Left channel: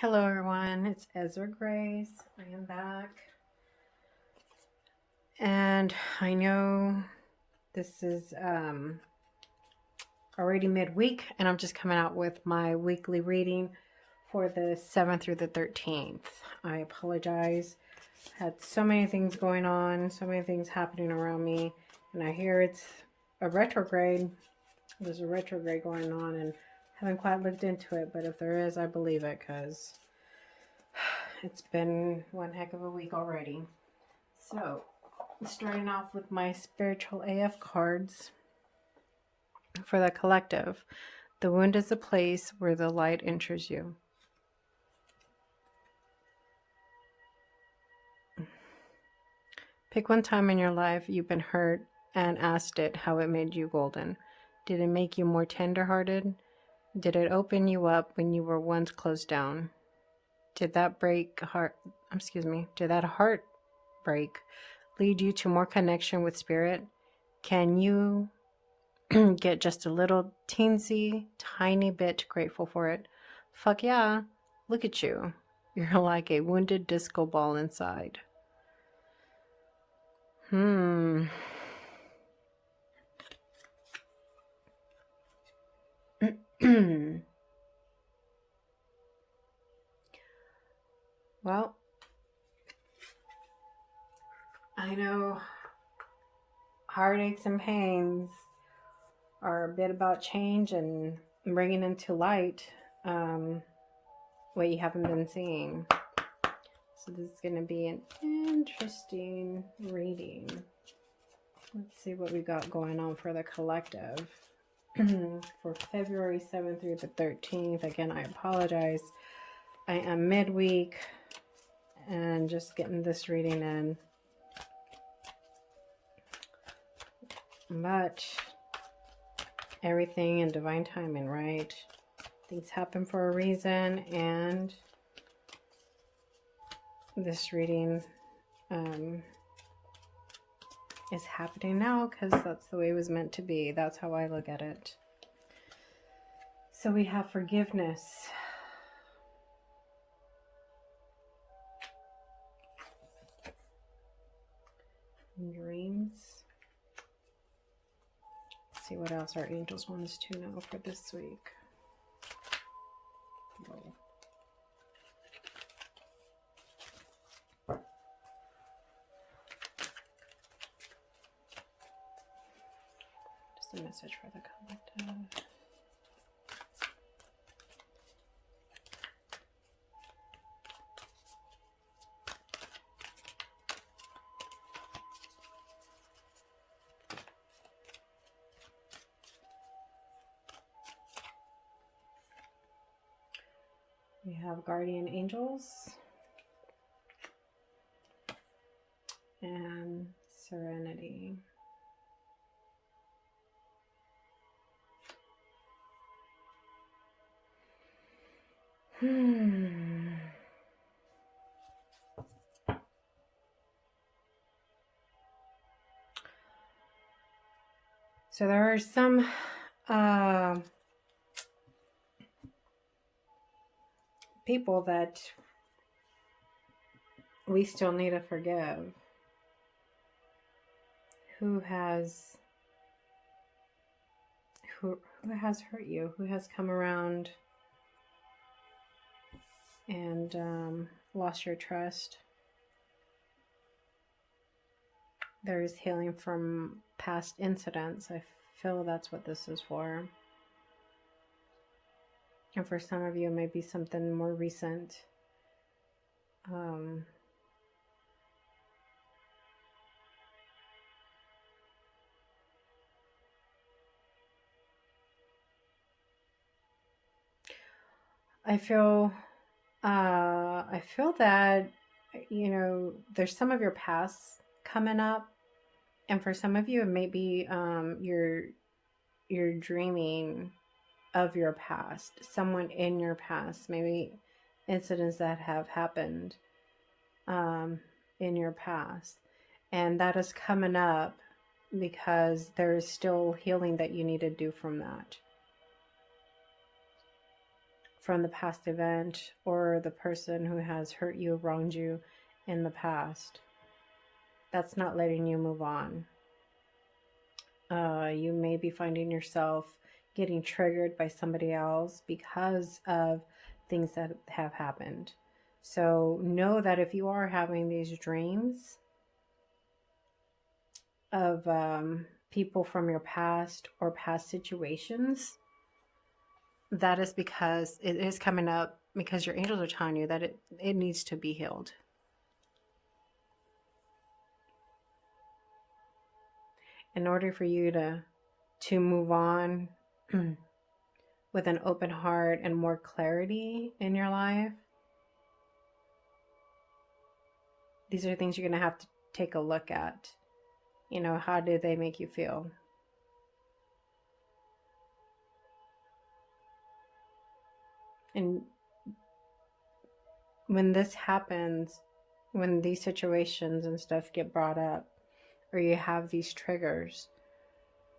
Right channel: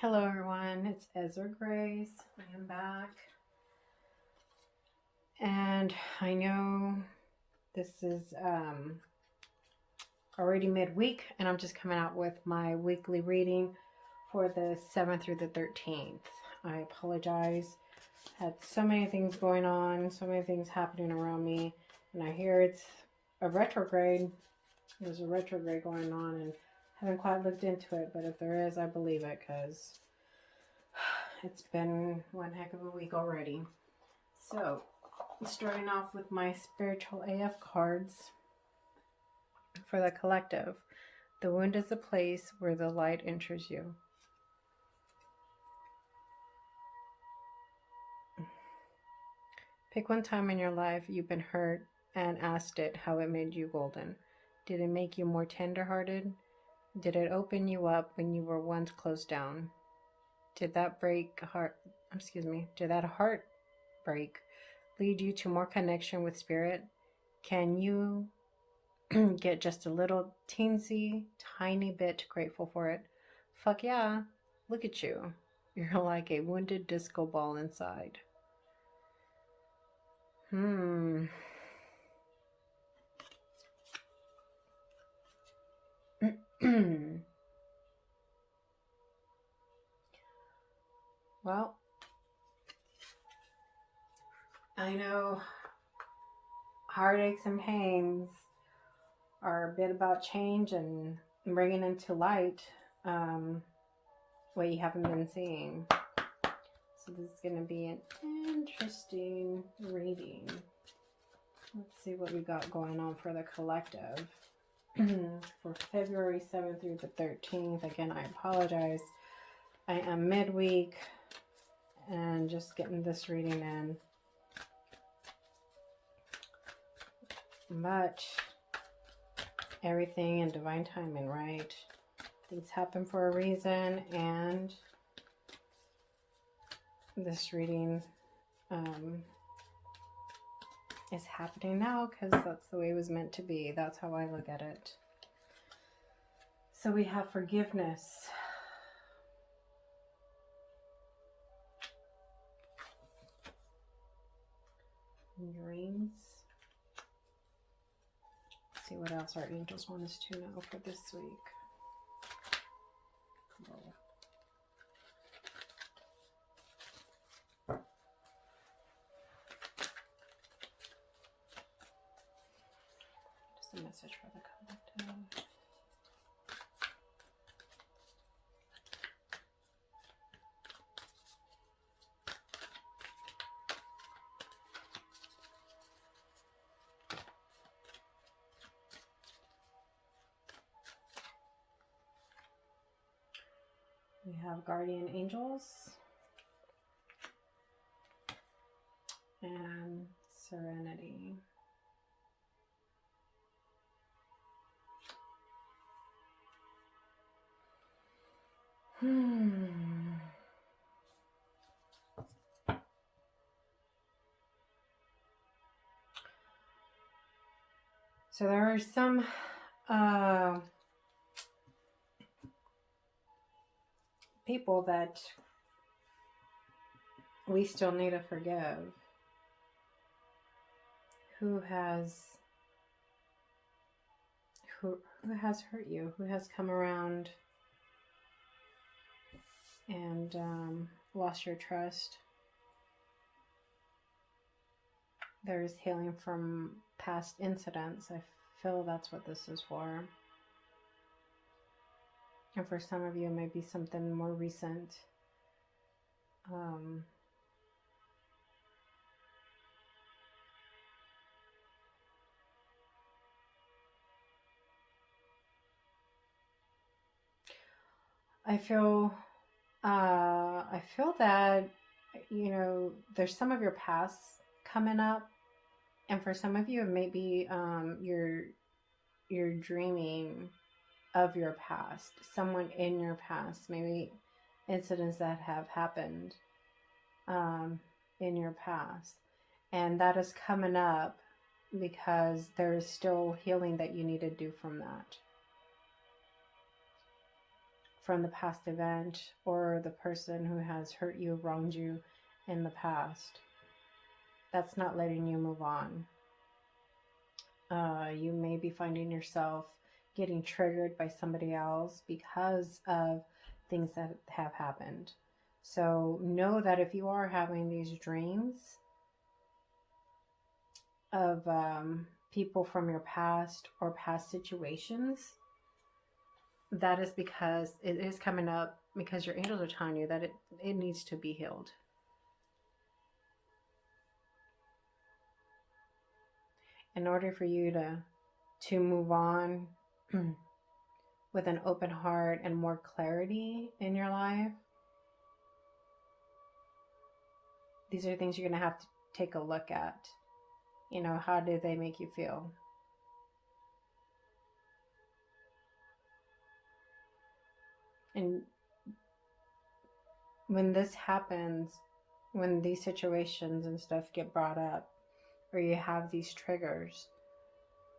Hello, everyone. It's Ezra Grace. I am back. And I know this is already midweek, and I'm just coming out with my weekly reading for the 7th through the 13th. I apologize. Had so many things going on, so many things happening around me, and I hear it's a retrograde. There's a retrograde going on, and haven't quite looked into it, but if there is, I believe it because it's been one heck of a week already. So, starting off with my spiritual AF cards for the collective. The wound is a place where the light enters you. Pick one time in your life you've been hurt and asked it how it made you golden. Did it make you more tender-hearted? Did it open you up when you were once closed down? Did that heart break lead you to more connection with spirit? Can you get just a little teensy tiny bit grateful for it? Fuck yeah. Look at you. You're like a wounded disco ball inside. Well, I know heartaches and pains are a bit about change and bringing into light what you haven't been seeing. So this is going to be an interesting reading. Let's see what we got going on for the collective. For February 7th through the 13th. Again, I apologize. I am midweek and just getting this reading in. But everything in divine timing, right? Things happen for a reason, and this reading is happening now because that's the way it was meant to be. That's how I look at it. So we have forgiveness. Dreams. Let's see what else our angels want us to know for this week. Whoa. Just a message for the collective. We have guardian angels and serenity. So there are some people that we still need to forgive, who has hurt you, who has come around and lost your trust. There's healing from past incidents. I feel that's what this is for. And for some of you, it may be something more recent. I feel that, you know, there's some of your past coming up, and for some of you, it may be you're dreaming of your past, someone in your past, maybe incidents that have happened in your past, and that is coming up because there is still healing that you need to do from that. from the past event or the person who has hurt you, wronged you in the past. That's not letting you move on. You may be finding yourself getting triggered by somebody else because of things that have happened. So know that if you are having these dreams of people from your past or past situations, that is because it is coming up because your angels are telling you that it needs to be healed. In order for you to move on with an open heart and more clarity in your life, these are things you're going to have to take a look at. You know, how do they make you feel? And when this happens, when these situations and stuff get brought up, or you have these triggers,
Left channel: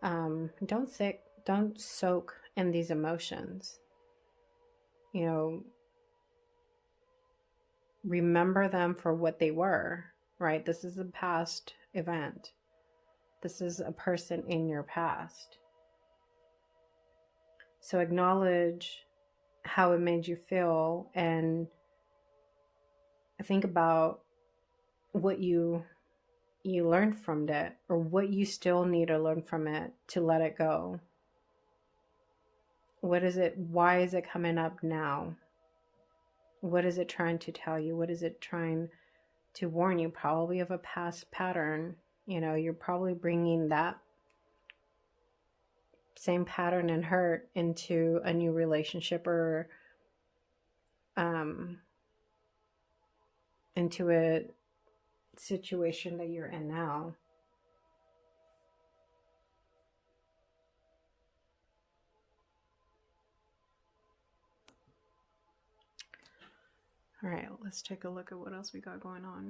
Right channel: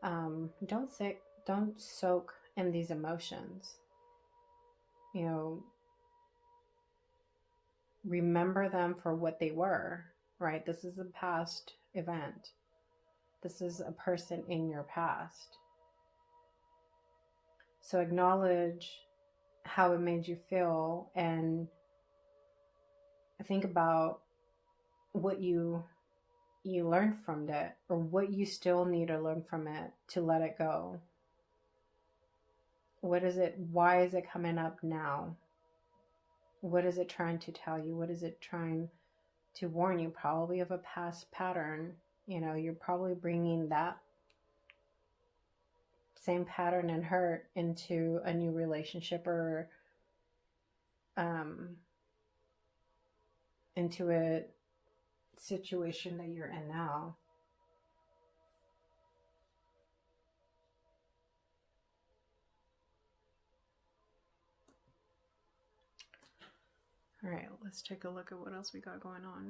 don't soak in these emotions. You know, remember them for what they were, right? This is a past event. This is a person in your past. So acknowledge how it made you feel and think about what you learned from it, or what you still need to learn from it to let it go. What is it? Why is it coming up now? What is it trying to tell you? What is it trying to warn you? Probably of a past pattern. You know, you're probably bringing that same pattern and hurt into a new relationship, or into a situation that you're in now. All right, let's take a look at what else we got going on.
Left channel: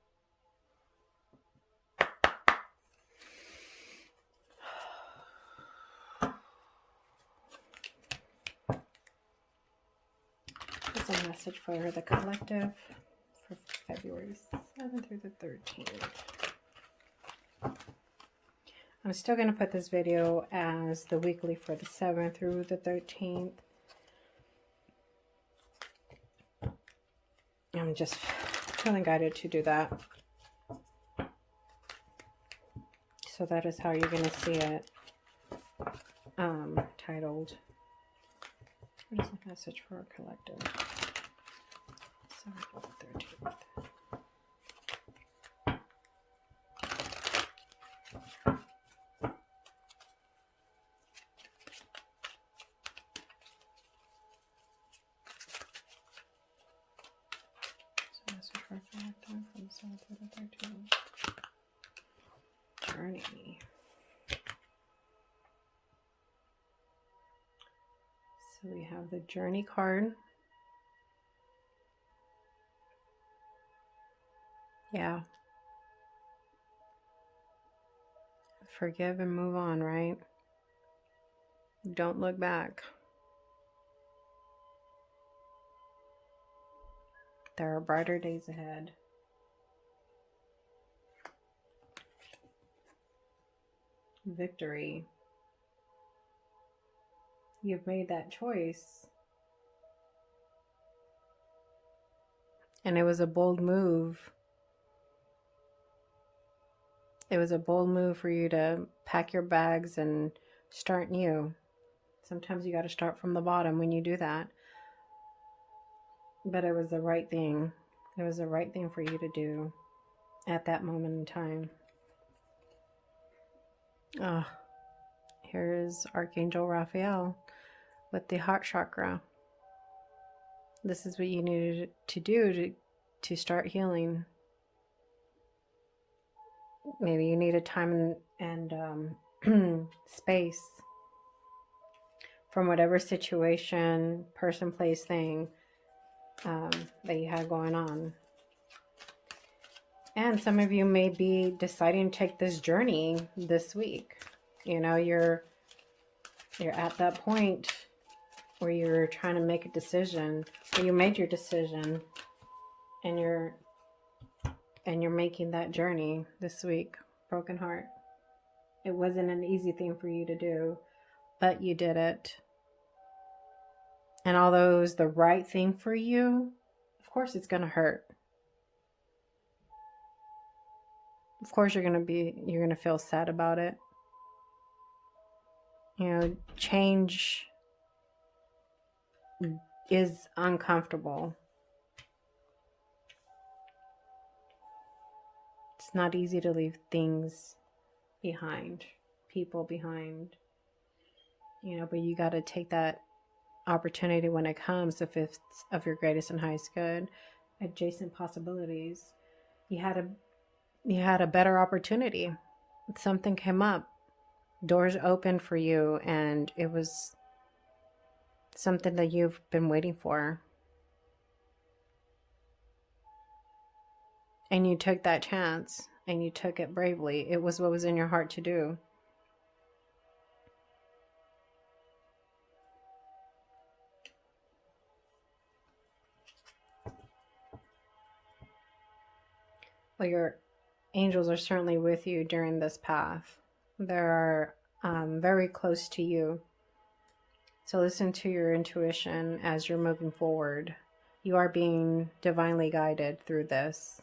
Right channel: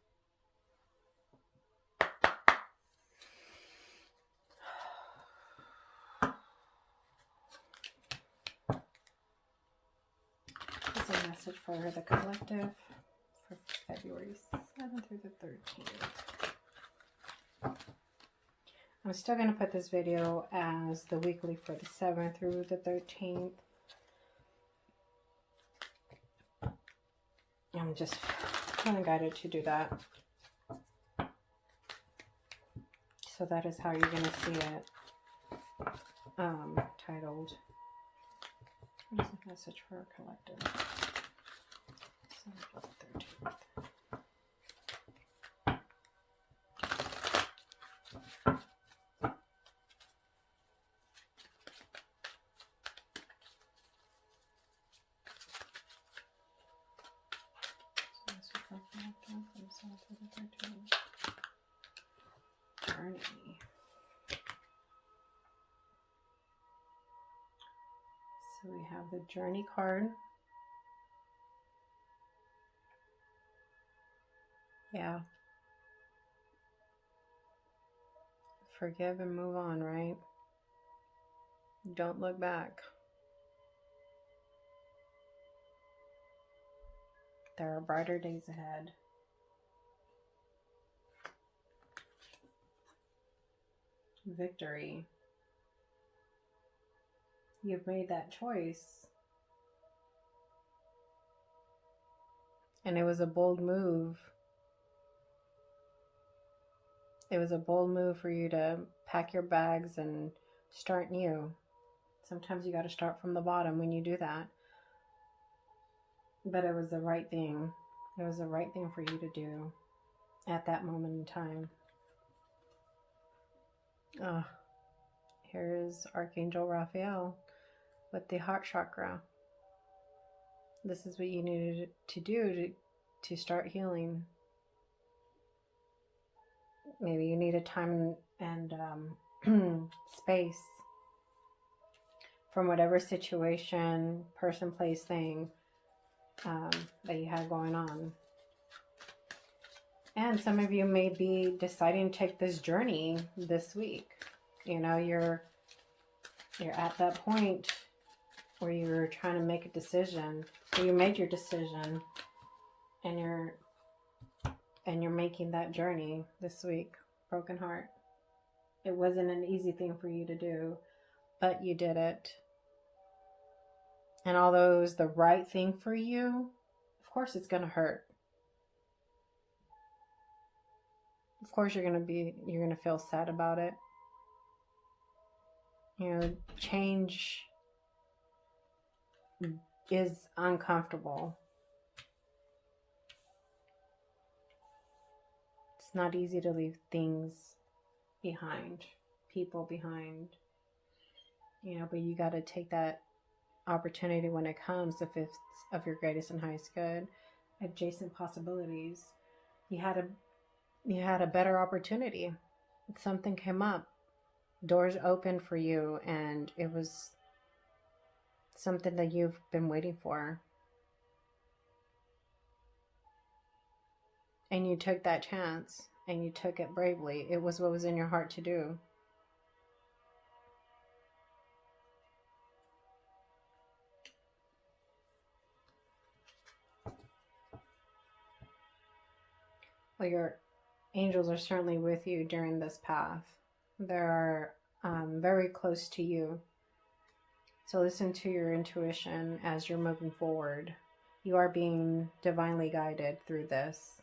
This is a message for the collective for February 7th through the 13th. I'm still going to put this video as the weekly for the 7th through the 13th. I'm just feeling guided to do that. So that is how you're going to see it. Titled, what is the message for a collective? 7th through the 13th. From 7th through the 13th. Journey. So we have the Journey card. Yeah. Forgive and move on, right? Don't look back. There are brighter days ahead. Victory. You've made that choice. And it was a bold move. It was a bold move for you to pack your bags and start new. Sometimes you got to start from the bottom when you do that. But it was the right thing. It was the right thing for you to do at that moment in time. Here's Archangel Raphael with the heart chakra. This is what you needed to do to start healing. Maybe you needed time and space from whatever situation, person, place, thing that you had going on. And some of you may be deciding to take this journey this week. You know, you're at that point or you're trying to make a decision, or you made your decision, and you're making that journey this week. Broken heart. It wasn't an easy thing for you to do, but you did it. And although it was the right thing for you, of course it's going to hurt. Of course you're going to feel sad about it. You know, change is uncomfortable. It's not easy to leave things behind, people behind, you know, but you got to take that opportunity when it comes, if it's of your greatest and highest good. Adjacent possibilities. You had a better opportunity. Something came up. Doors opened for you, and it was something that you've been waiting for. And you took that chance, and you took it bravely. It was what was in your heart to do. Well, your angels are certainly with you during this path. They're very close to you. So listen to your intuition as you're moving forward. You are being divinely guided through this.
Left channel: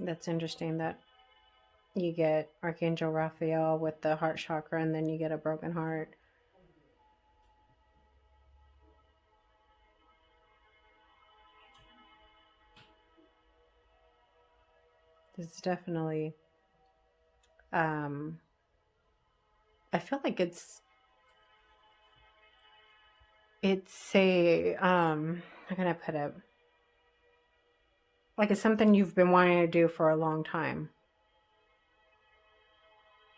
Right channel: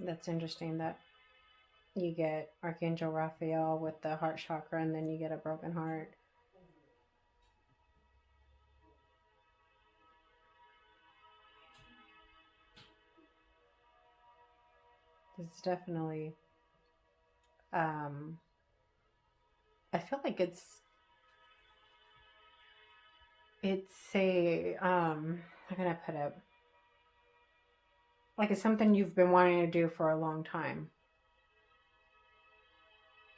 That's interesting that you get Archangel Raphael with the heart chakra, and then you get a broken heart. This is definitely, I feel like it's a, how can I put it? Like it's something you've been wanting to do for a long time.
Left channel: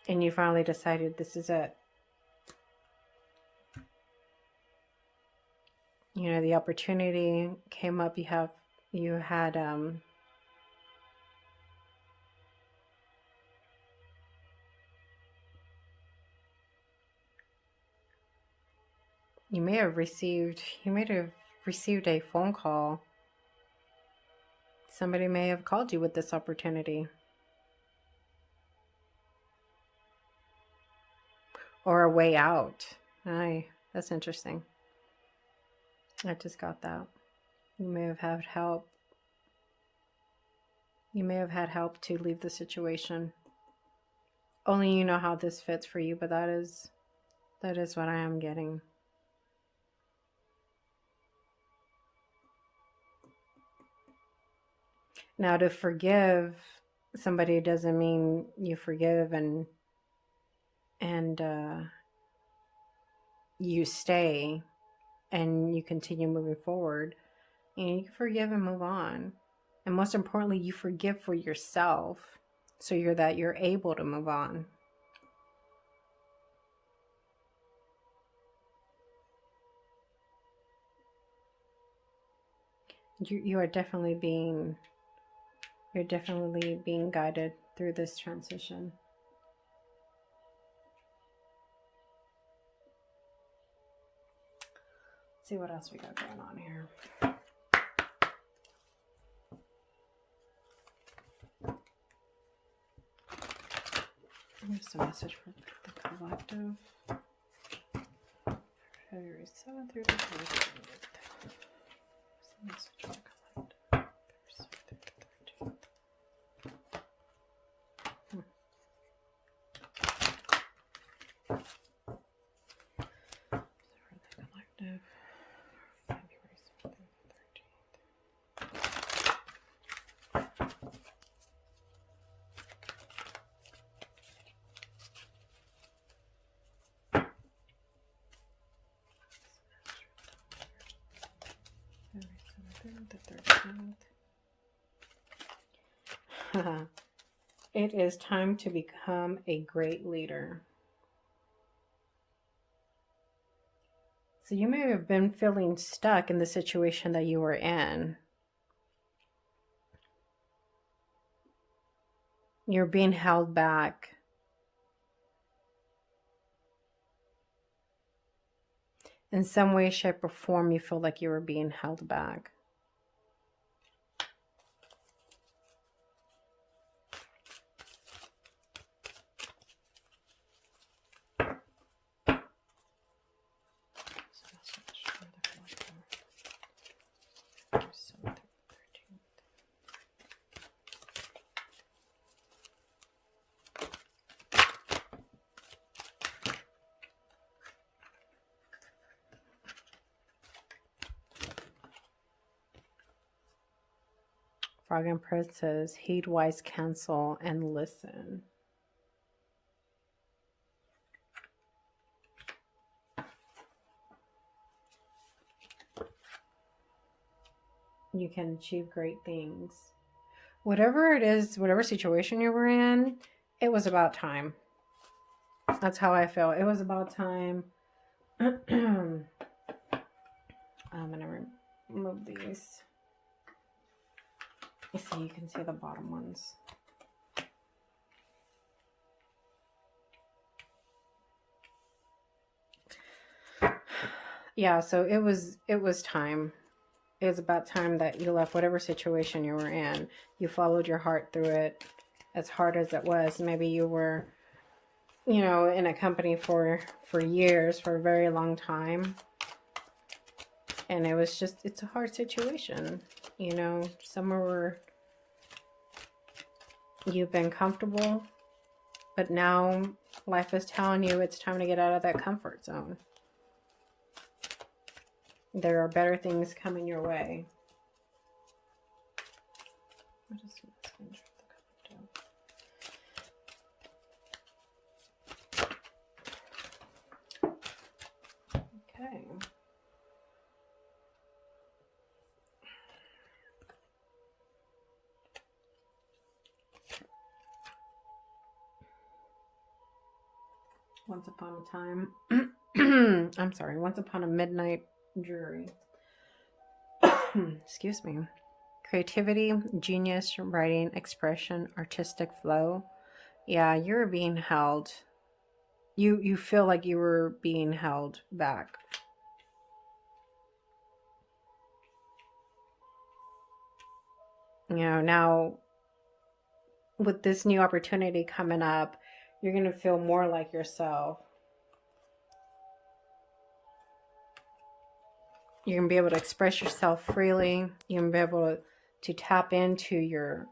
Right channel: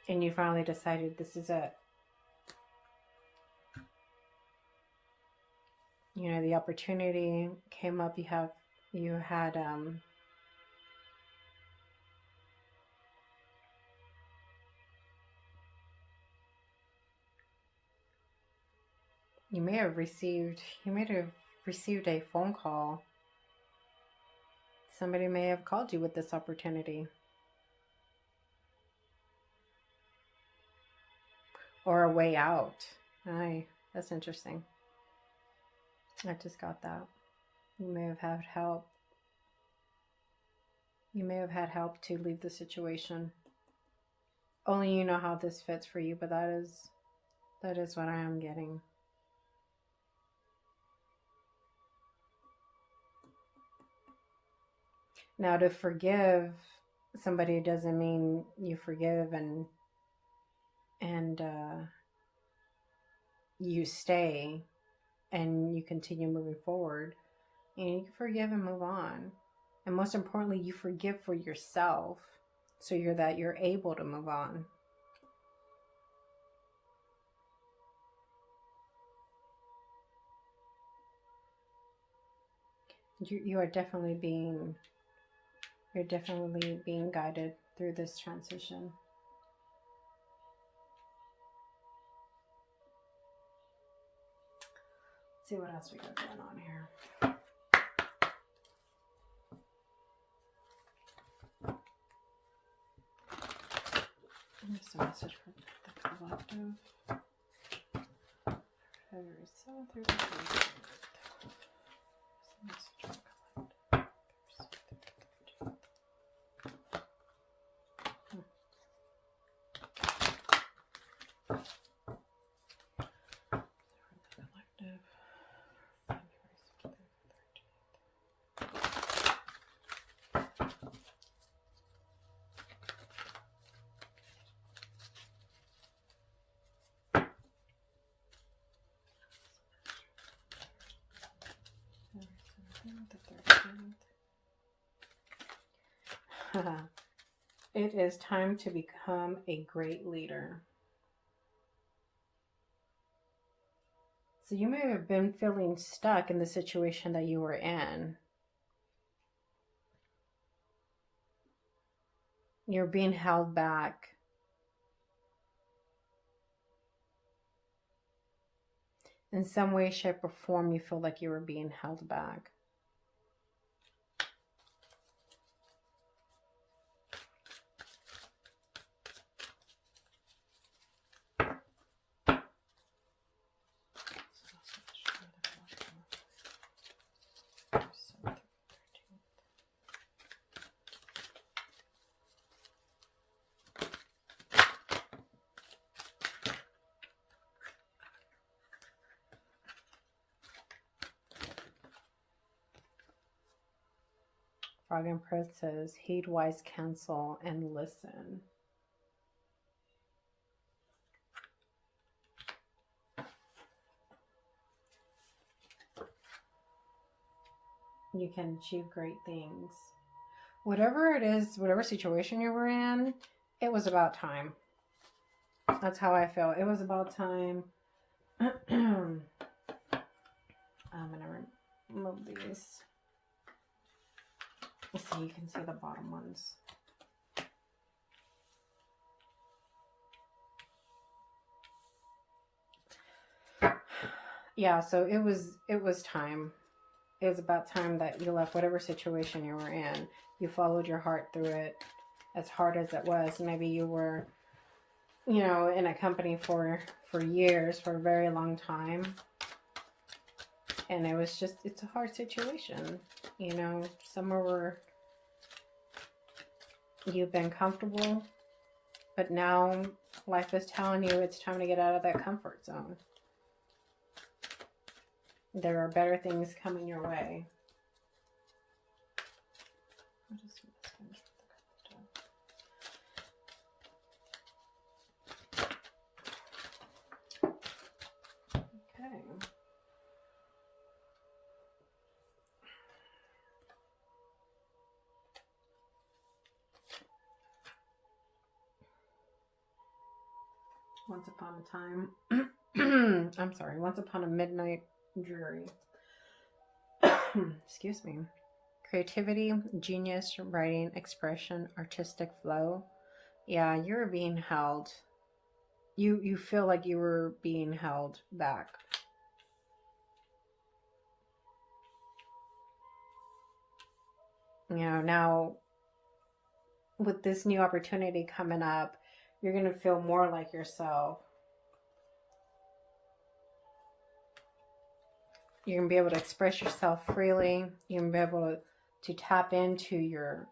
And you finally decided this is it. You know, the opportunity came up. You had you may have received a phone call. Somebody may have called you with this opportunity. Or a way out. That's interesting. I just got that. You may have had help. You may have had help to leave the situation. Only you know how this fits for you, but that is what I am getting. Now, to forgive somebody doesn't mean you forgive and you stay and you continue moving forward. And you can forgive and move on. And most importantly, you forgive for yourself, so you're able to move on. You're definitely being guided through this transition. Let's see what else we got going on here. Just a message for the collective. February 7th through the 13th. Message for the collective. It is time to become a great leader. So you may have been feeling stuck in the situation that you were in. You're being held back In some way, shape, or form, you feel like you were being held back. Frog and Prince says, heed wise counsel and listen. You can achieve great things. Whatever it is, whatever situation you were in, it was about time. That's how I felt. It was about time. I'm going to remove these. So you can see the bottom ones. Yeah, so it was time. It was about time that you left whatever situation you were in. You followed your heart through it, as hard as it was. Maybe you were, you know, in a company for years, for a very long time. And it was just, it's a hard situation. You know, somewhere where you've been comfortable, but now life is telling you it's time to get out of that comfort zone. There are better things coming your way. Okay. Once upon a time, I'm sorry, once upon a midnight dreary. Excuse me. Creativity, genius, writing, expression, artistic flow. Yeah, you're being held. You feel like you were being held back. You know, now with this new opportunity coming up, you're going to feel more like yourself. You're going to be able to express yourself freely. You're going to be able to tap into your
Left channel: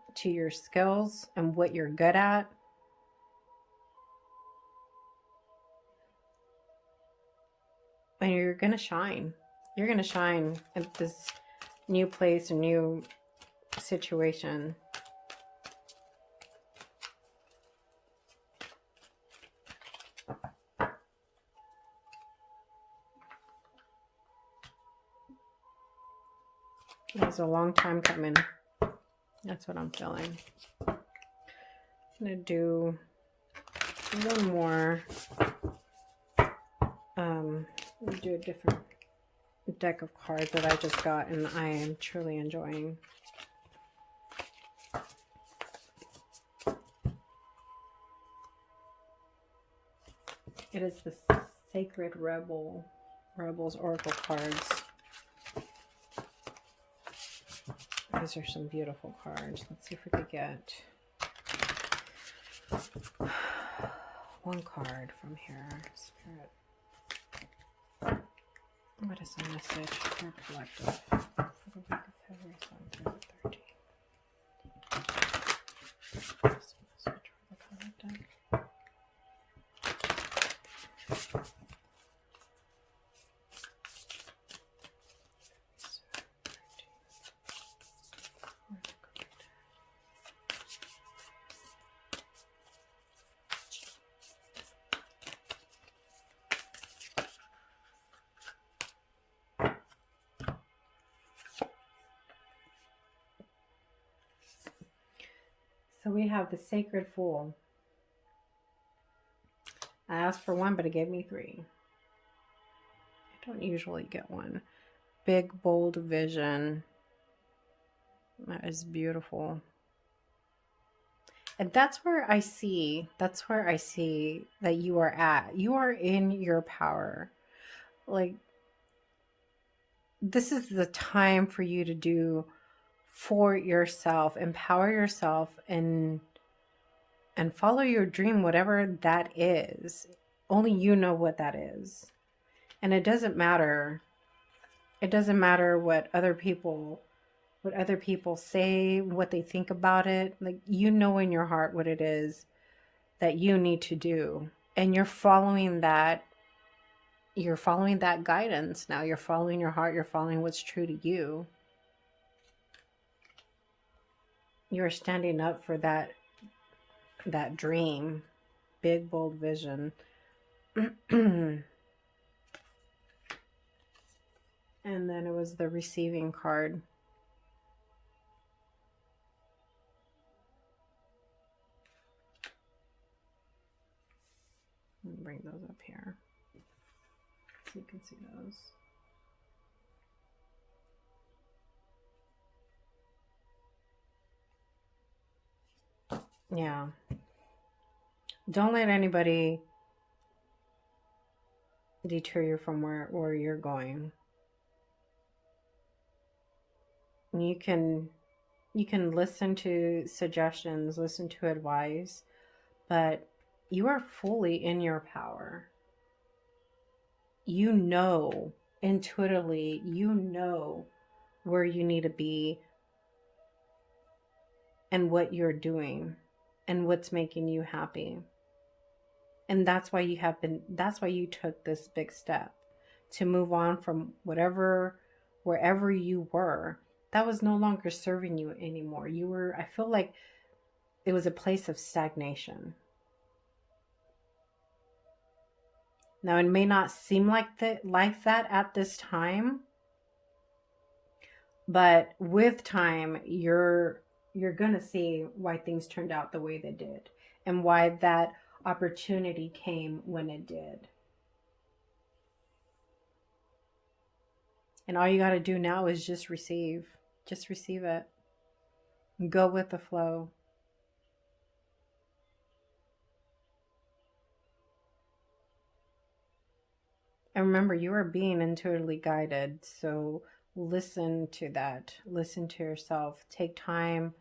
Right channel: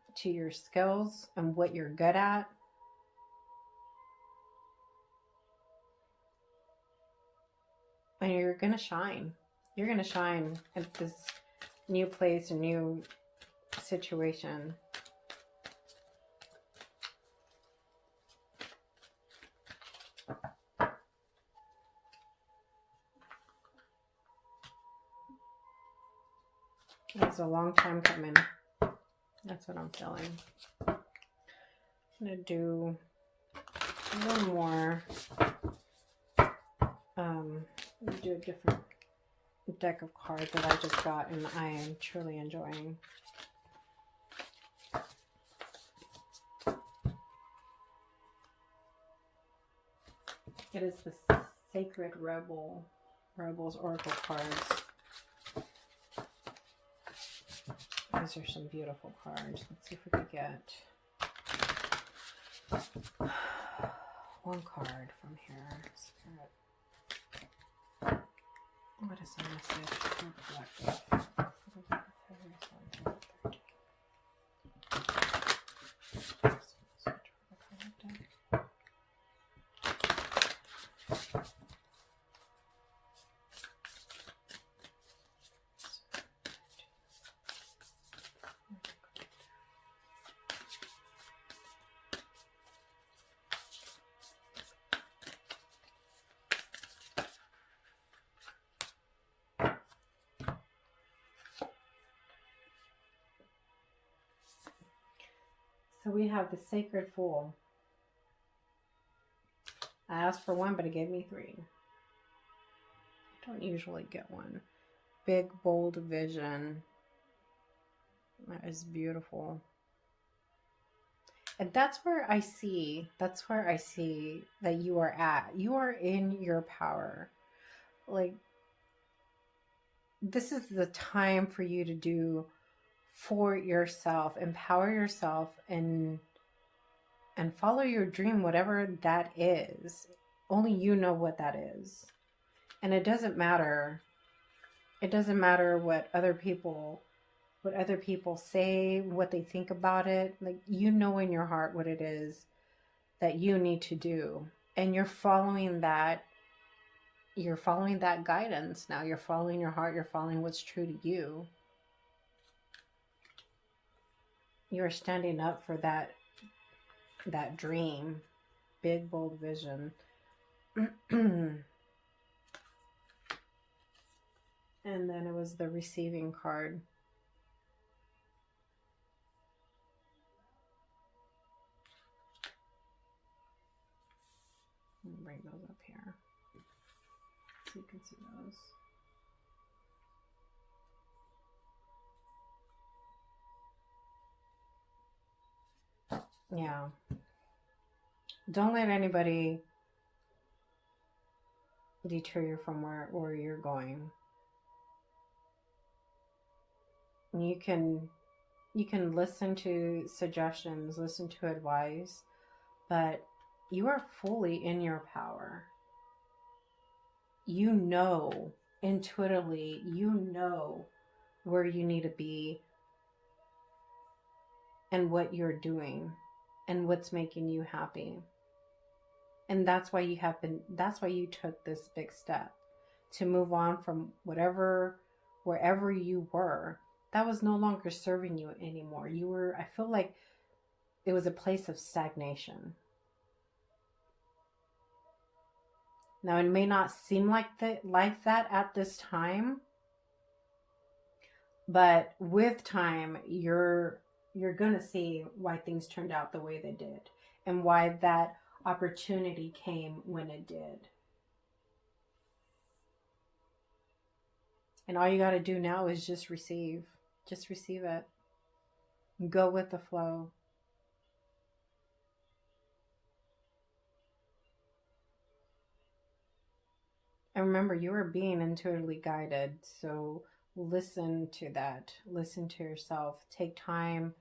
skills and what you're good at. And you're going to shine. You're going to shine at this new place, a new situation. It was a long time coming. That's what I'm feeling. I'm going to do one more. Do a different deck of cards that I just got and I am truly enjoying. It is the Sacred Rebels Oracle cards. These are some beautiful cards. Let's see if we could get one card from here. Spirit. What is the message for collective? Go back to February 7th, 13th. So we have the Sacred Fool. I asked for one, but it gave me 3. I don't usually get one. Big, bold vision. That is beautiful. And that's where I see that you are at. You are in your power. Like, this is the time for you to do for yourself, empower yourself, and follow your dream, whatever that is. Only you know what that is. And it doesn't matter. It doesn't matter what other people say, what they think about it. Like, you know in your heart what it is that you need to do. And you're following that guidance now. You're following your heart, you're following what's true to you. You're standing up for that dream, big bold vision. And then it was the receiving card. Let me bring those up here so you can see those. Yeah. Don't let anybody deter you from where you're going. You can listen to suggestions, listen to advice, but you are fully in your power. You know, intuitively, you know where you need to be and what you're doing and what's making you happy. And that's why you took this big step to move on from wherever you were. That was no longer serving you anymore. I feel like it was a place of stagnation. Now, it may not seem like that at this time, but with time, you're going to see why things turned out the way they did and why that opportunity came when it did. And all you got to do now is just receive. Just receive it. Go with the flow. And remember, you are being intuitively guided. So listen to that. Listen to yourself. Take time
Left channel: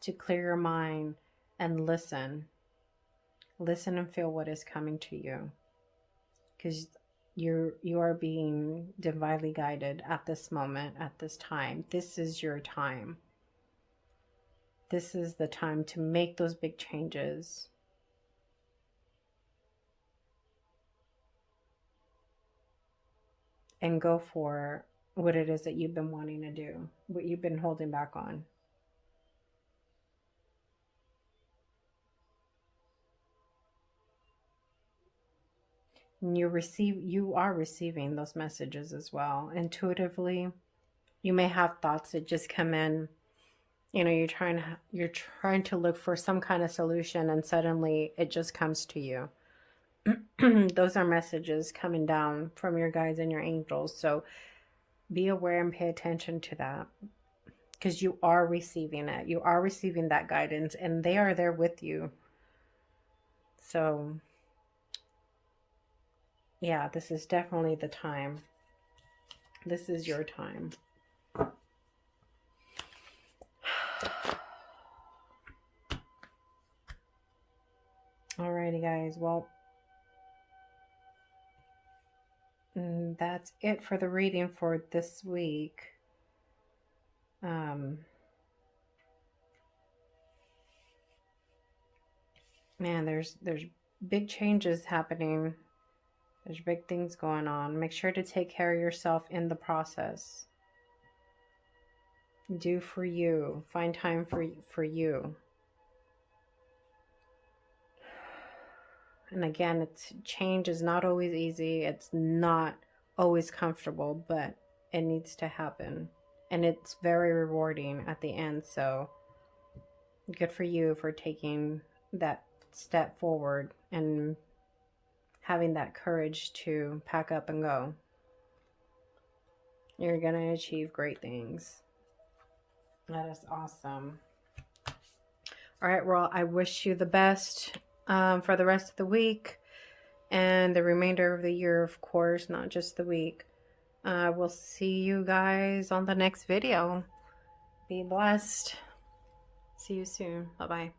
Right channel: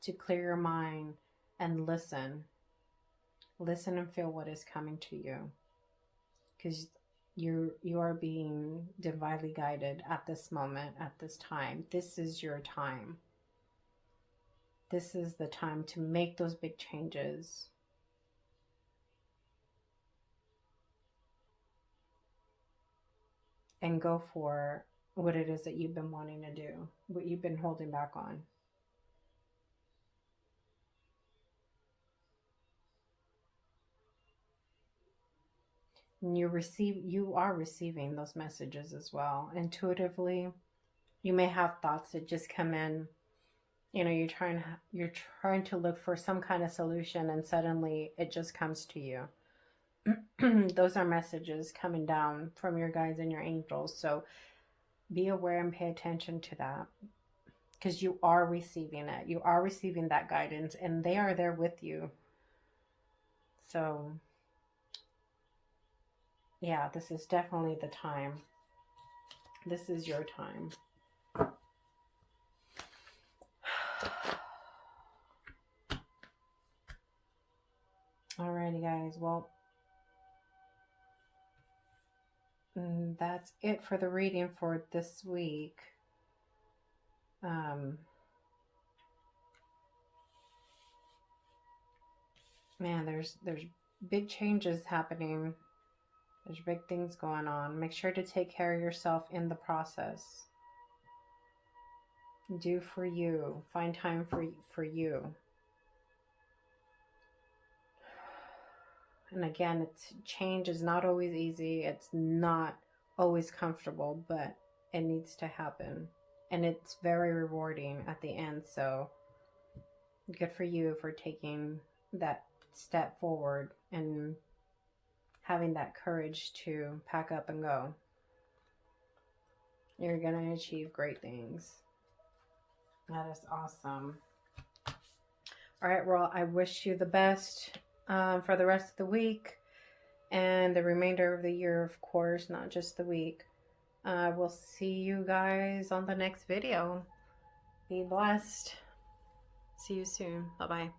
to clear your mind and listen. Listen and feel what is coming to you. Because you are being divinely guided at this moment, at this time. This is your time. This is the time to make those big changes. And go for what it is that you've been wanting to do, what you've been holding back on. And you are receiving those messages as well. Intuitively, you may have thoughts that just come in. You know, you're trying to look for some kind of solution, and suddenly it just comes to you. Those are messages coming down from your guides and your angels. So be aware and pay attention to that, because you are receiving it. You are receiving that guidance, and they are there with you. So yeah, this is definitely the time. This is your time. Alrighty, guys. Well, that's it for the reading for this week. Man, there's big changes happening. There's big things going on. Make sure to take care of yourself in the process. Do for you. Find time for you. And again, change is not always easy. It's not always comfortable, but it needs to happen. And it's very rewarding at the end. So good for you for taking that step forward and having that courage to pack up and go. You're going to achieve great things. That is awesome. All right, well, I wish you the best for the rest of the week and the remainder of the year, of course, not just the week. I will see you guys on the next video. Be blessed. See you soon. Bye-bye.